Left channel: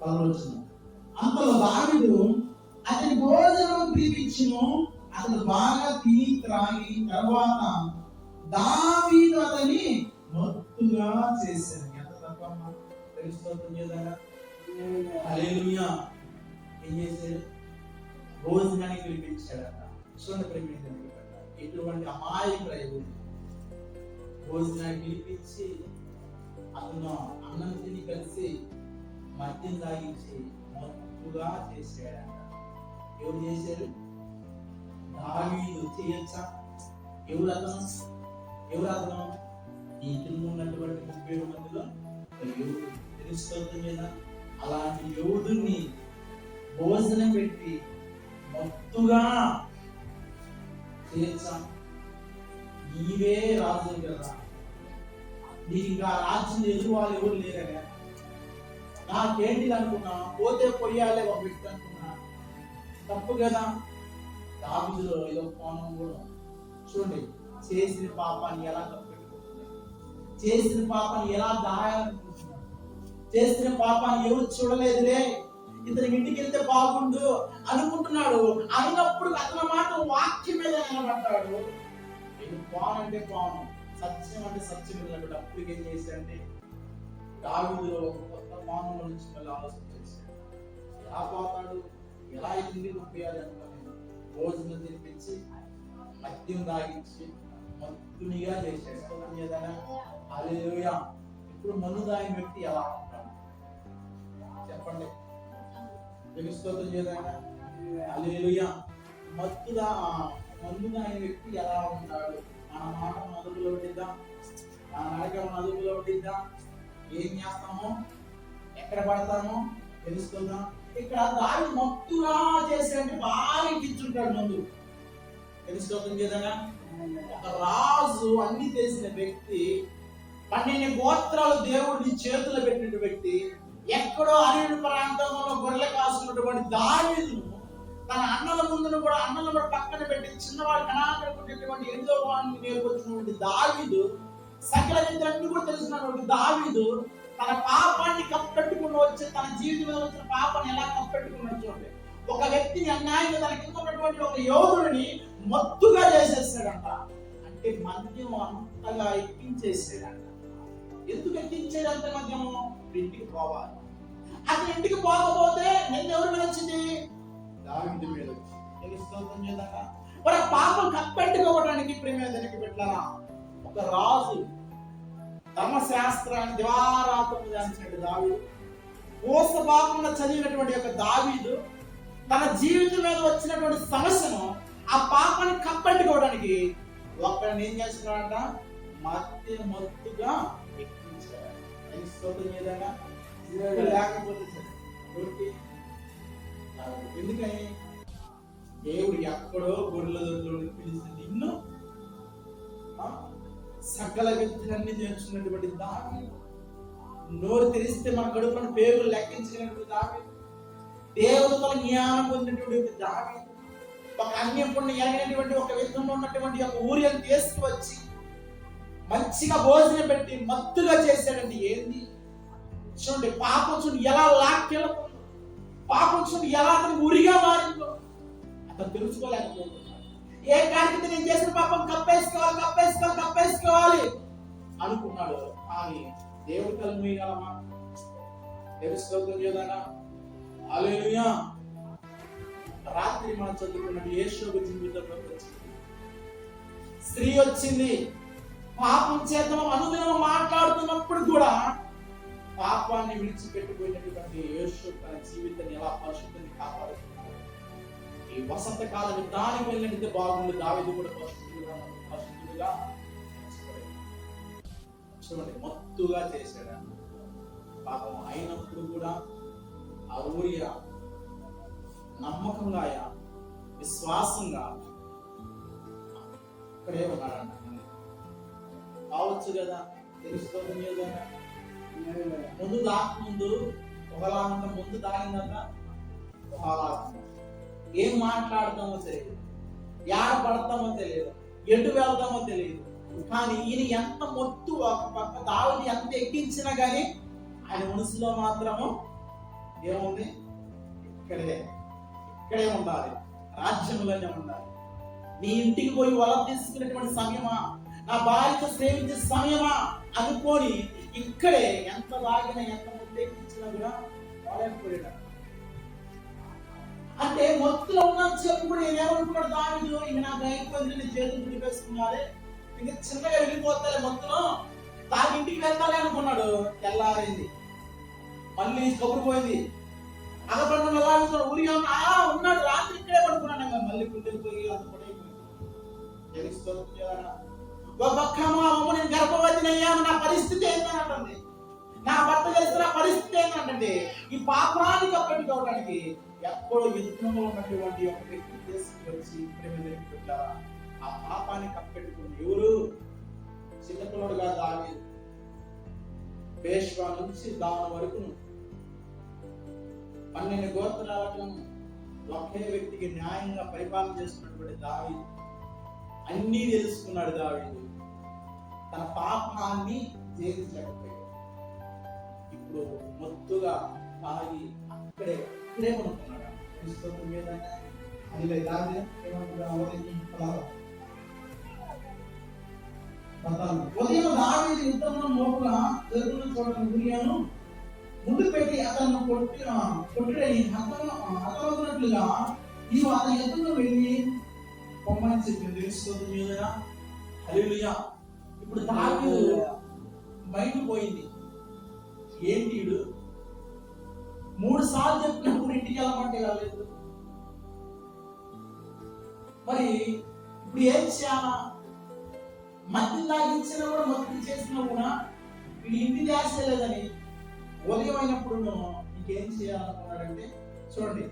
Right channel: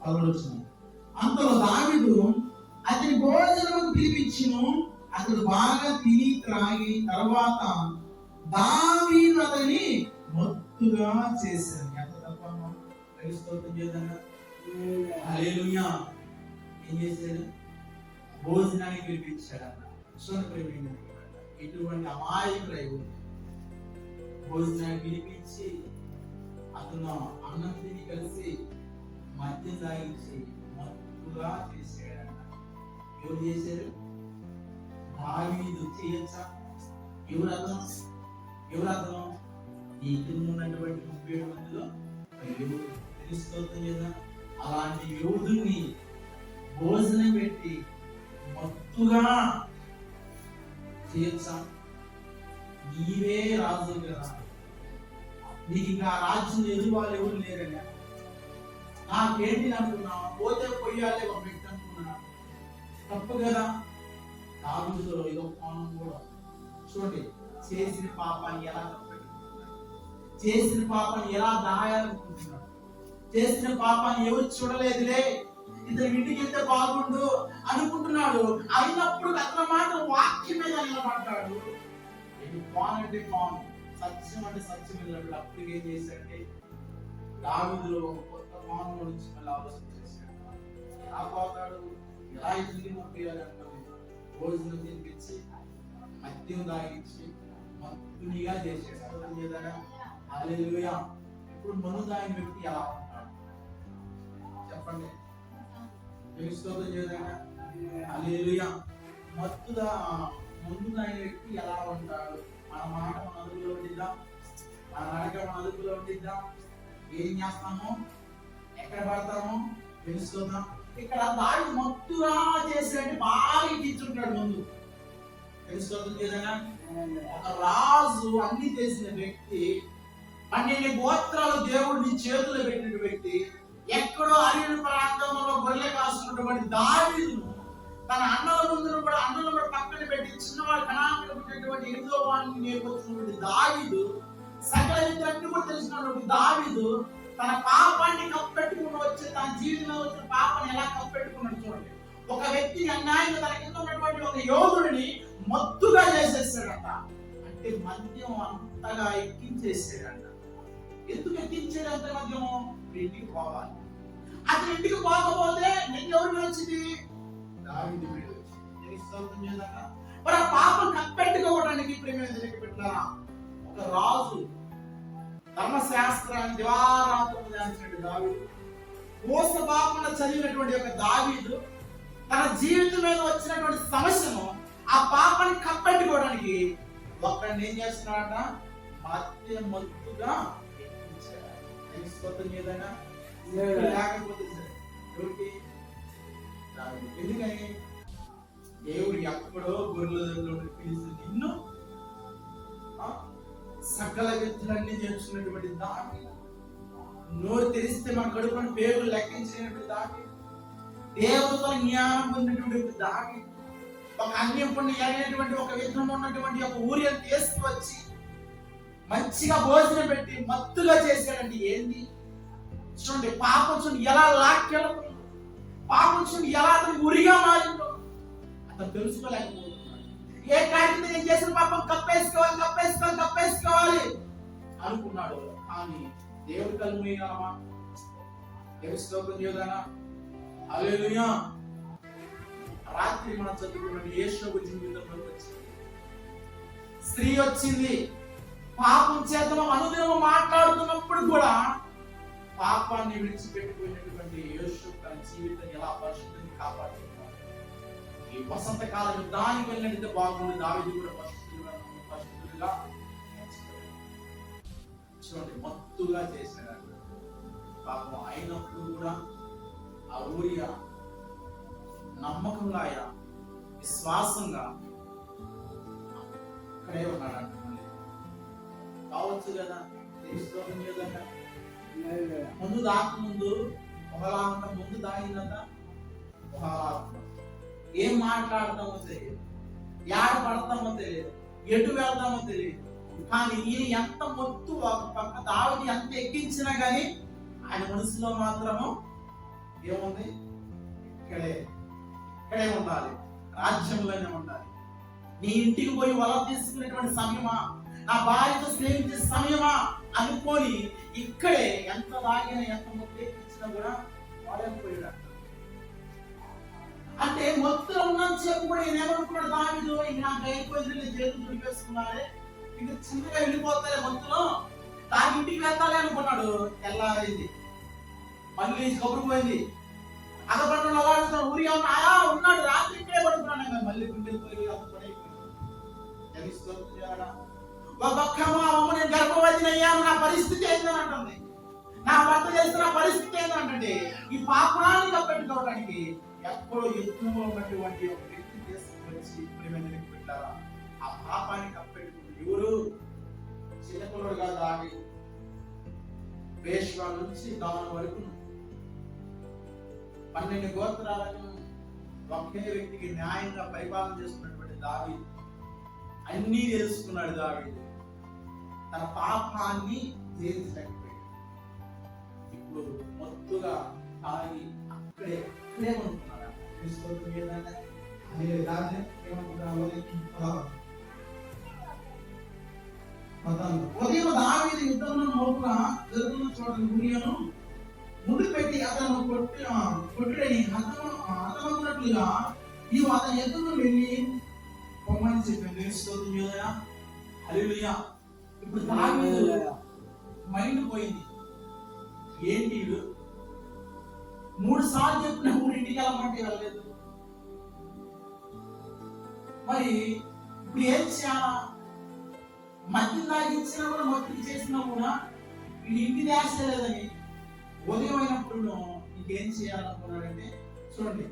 పదవచ్చిన అంతలో దావిడు అతని భోజనం పిలిపించును అతను బాగా తిని త్రాగి తర్వాత దావీదు అతని మత్తుగా చేశాను ఎంత తప్పమ్మా క్రైస్తవం చేదనా హల్లెలూయా. ఏం చేశాడు? భోజనానికి పిలిపించాడట చూడండి ప్రేమ ఎటువంటి అమాయకులు భోజనాన్ని పిలిపించి అతను అన్నం తిని కలిసి మద్యం తాగించి మత్తుగా చేసాడంట ఎవరు చేశారు? దావీదు చేయొచ్చా? ఎవరు అతను? ఎవరు అతను? ఈ కింద ఉన్నటువంటి ముప్పై ఏడు మందిలో ఒక తెలుస్తుంది కదా అలాంటి యోధుని భోజనం పెట్టి మత్తుగా చేయొచ్చా? నీవే రాజు కదా. నీకు ఇంకా రాజ్యం ఎదురు వాళ్ళు ఎవరు లేరండి నాకేంటి అనుకున్నా? పోతే పొయ్యాలే ఒక వ్యక్తి అనుకున్నా తప్పు కదా? దావిదులో ఏదో కోణం కూడా చూడండి చేసిన పాపాన్ని ఎలా కప్పెట్టుకుంటున్నాడు చేసిన పాపాన్ని ఎలా దాయాలనుకుంటున్నాడు చేసిన పాపాన్ని ఎవరు చూడలేదులే? ఇతని ఇంటికి వెళ్తే బాగుండు అనుకుంటున్నాడు. అయినప్పుడు అతను మాట వాక్యం మీద నిలబడ్డాడు. ఇది కోన్ అంటే కోన్ సత్యం అంటే సత్యం. వెళ్ళాడు అప్పుడు ఏం చేశాడంటే దావిదిలో ఒక కొత్త కోణం నుంచి మళ్ళీ ఆలోచన చేశాడు. ఎలా పోతాడు ఎలా ఇతని పంపించాలి అనుకోలేదు భోజనం తినిపించి మద్యం తాగించి మత్తునిగా చేశాడు. అర్థం ఇప్పుడు మందు తాగిన వ్యక్తి ఎలా ఉంటాడు? చెప్పండి. తెలుసుకోవడం చేయదైనా హల్లెలూయా. మత్తుగా మందు తాగిన వ్యక్తి ఎలా ఉంటాడు? మన మాట మన అదుపులో ఉండిద్దాం? మన నడక మన అదుపులో ఉండిద్దాం? ఏం చేస్తామో? ఎక్కడ పడతామో తెలుసుకుందాం. ఇక్కడ దాడి మత్తుగా చేసేటి బాగా ఇచ్చుంటాడు ముందు. తెలుసుకోవద్దు కదా ఒక రాజు అన్ని తెలిసిన వ్యక్తి పన్నెండు గోత్రాలు దేవుడిని చేతులు పెట్టిన వ్యక్తి ఎక్కడో అరణ్య ప్రాంతంలో గొర్రెల కాసుకున్నటువంటి దావీదును తన అన్నల ముందును కూడా అన్నలను కూడా పక్కన పెట్టి చిన్నవాడు కణాకరకు ఉండేటువంటి ఎనిమిదో వాడిని నేర్కొచ్చినటువంటి దావీదు తెలిసినటువంటి దావీదు తన పాపాన్ని కప్పెట్టుకుని వచ్చి తన జీవితంలో వచ్చిన పాపాన్ని ఎలా కప్పెట్టుకున్నాడు చూడండి ఒక వ్యక్తిని అన్యాయంగా తన కింద ఉన్నటువంటి ఒక యోధుడిని మత్తుగా చేసేసాడంట. అంటే మద్యం అంతగా ఎక్కించేసాడంట. ఎందుకు ఎక్కించాడు అంత మద్యము? ఇంటికి పోవాలి. అతని ఇంటికి పోకపోతే నేను ఎవరి మీద వచ్చింది? దావిది మీద వచ్చింది. మరి ఆ పాపం కప్పెట్టుకోవడానికి ప్రేమ వెనక్కి పెట్టారా ఒక రాజు ధర్మశాస్త్రాన్ని దివారాత్రం ధ్యానించినట్టు దావీదు. మోస చదివినటువంటి ఒక దావీదు తన జీవితం మీద వచ్చినటువంటి సమస్యను ఆ పాపాన్ని కప్పెట్టుకోవడానికి ఒక్కడిని ఏం చేస్తున్నాడంట? మధ్య మత్తుగా ఎక్కించాడు. స్తోత్రం ఏదైనా లేకపోతే సరే. ఎందుకని? దేవుడు ఎక్కడో గొర్రెల దొడ్లో పిలిచి నిన్ను సకల విద్యలన్నీ నేర్చుకున్నటువంటి దావి. నోరు తెరిస్తే మన కడుపున పేరు లెక్కించినటువంటి దావి. దేవుడితో జ్ఞానం పొందినటువంటి దావి. ఒక అన్యం పుణ్యం ఎరగినటువంటి ఒక విధంగా ఉన్నటువంటి ఒక ఊరిని తీసుకువచ్చి మంచిగా భోజనం పెట్టి మత్తుగా చేశాడండి ఏంది? చూడండి పాపం చూడండి ఎలా లాక్కెళ్తుందో పాపం చూడండి ఎలా అతని ఉరిగా మారిందో. అతను తెలుసుకోలేకపోతున్నాడు ఏ కాడికి నేను చేసిన పాపం? కప్పేసుకోవాలి కప్పేసుకోవాలి కప్పేసుకోవాలి. అనుకున్నాడు. కానీ దేవుడు కళ్ళు మూయగలమా? దేవుడి స్తోత్రం చేయగలనా హల్లెలూయా. రాత్రి మనం చదువుకున్నట్టు యేషోబు జీవితంలోకి వచ్చింది. స్త్రీ వచ్చింది. పాపం చేద్దాం అనుదినం మాట్లాడుతున్నప్పుడు కూడా పాపాన్ని విడిచిపెట్టిపోయినటువంటి యేషోబు తన జీవితాన్ని ఎలా పరిశుద్ధంగా కాపాడుతుంది ఈ వసంత కాలం దాని వెళ్ళినట్టు బాగుండి. దావిది కూడా పరిశుద్ధులుగా చూడండి మత్తుగా చేశాడు. పాపం అయినప్పుడు కూడా ఆ ఊరియా నమ్మకంగా ఆయన విశ్వాసంగా అక్కడే ఉన్నాడు అంటున్నాడు కావచ్చు కదా తెలుసుకోవడం లేదంట. ముందు దాకముందు ఒకలా ముందు దాగిందంట ఒకలా ఏం మాట్లాడతామో తెలియదు. యాడ పడతామో తెలియదు. ఎటు వెళ్తామో తెలియదు. కానీ ఈయన ఎంత మొత్తు ఒక పక్క దావిని ఎంత ఎక్కించినా కానీ ఆయన మనసులో మాత్రము ఏముంది? ఇక్కడే ఇక్కడే ఉండాలి. రాజ్యంలోనే ఉండాలి. నీ ఇంటికి పోయి వల తీసుకునేటువంటి సమయమా? నా భార్యతో స్నేహించే సమయమా? అనుకొని ఇక్కడే ఎంత తాగినా ఎంత ముద్దెక్కించినా కూడా వాడకపోయాడు అంటే మొత్తం ఉన్న చెప్పు కూడా ఈయన దావిడు ఇంక నాకు అయిపోయింది నేను చేతులు దుడిపేసుకున్నాడే ఇంకా చిన్నగా వెళ్ళిపోతాలే మొత్తం తాగి ఇంటికి వెళ్తాలే అనుకున్నాడు. తెల్లారింది. మళ్ళీ కబురు పోయింది. అగపడిన వాళ్ళు ఊరి ఉన్నాయా ఉన్నాడు. రాత్రి ఇక్కడే పడుకున్నాడు ఇంకా మళ్ళీ గుండెలు పోయి అది పడైపోయింది తెలుస్తుంది మా అమ్మ నేను గర్భవతిని అయ్యాను. నా పరిస్థితి ఏంటంటుంది నా భర్త చేస్తున్న పరిస్థితి ఏంటంటే ఈ పాపాన్ని కప్పెట్టుకోవడానికి ఎక్కడో యుద్ధంలో ఉన్నటువంటి ఒక వ్యక్తి తీసుకొచ్చి ప్రేమైన పెట్టారా ఆ పాపాన్ని కప్పెట్టుకుని ఎవరు? చిన్నపిల్లడుగా దాని పేష్వా నుంచి దాని వరకు పన్నెండు గోత్రాలకు ఒకే వ్యక్తికి న్యాయంగా పరిపాలన చేస్తున్నటువంటి దావి అన్నీ తెలుసుకున్నాడు దావి తన పాపాన్ని జయించలేకపోయాడు. మొత్తుగా తాగి అక్కడే కొనుక్కున్నాడు ఏమనుకుంటున్నా? ఉదయం దావీదు యుద్ధంలో లోపల జరుగుతున్న చూడని గురియాను ముందు పెట్టి అతను కొట్టి కొట్టుడని హతం హతమవుతున్నట్లుగా నీవు అతని ఎదురు వెళ్ళి పొమ్మని చెప్పింది హల్లెలూయా. ఇప్పుడు దావీదు మైండ్ పోయింది. ఏంటి వీడు? మూడు సార్లు చెప్పినప్పుడు ఇంటికి వెళ్ళమంటే వెళ్ళలేదు. మరి ఇప్పుడు ఏం చేయాలా? మద్యం తాగించినా కూడా మొత్తం చేసినా కూడా వీడు ఇంటి దాచలేదని ఉదయం అయినప్పుడు ఇంకేం చేయాలనుకున్నాడంటే చూడండి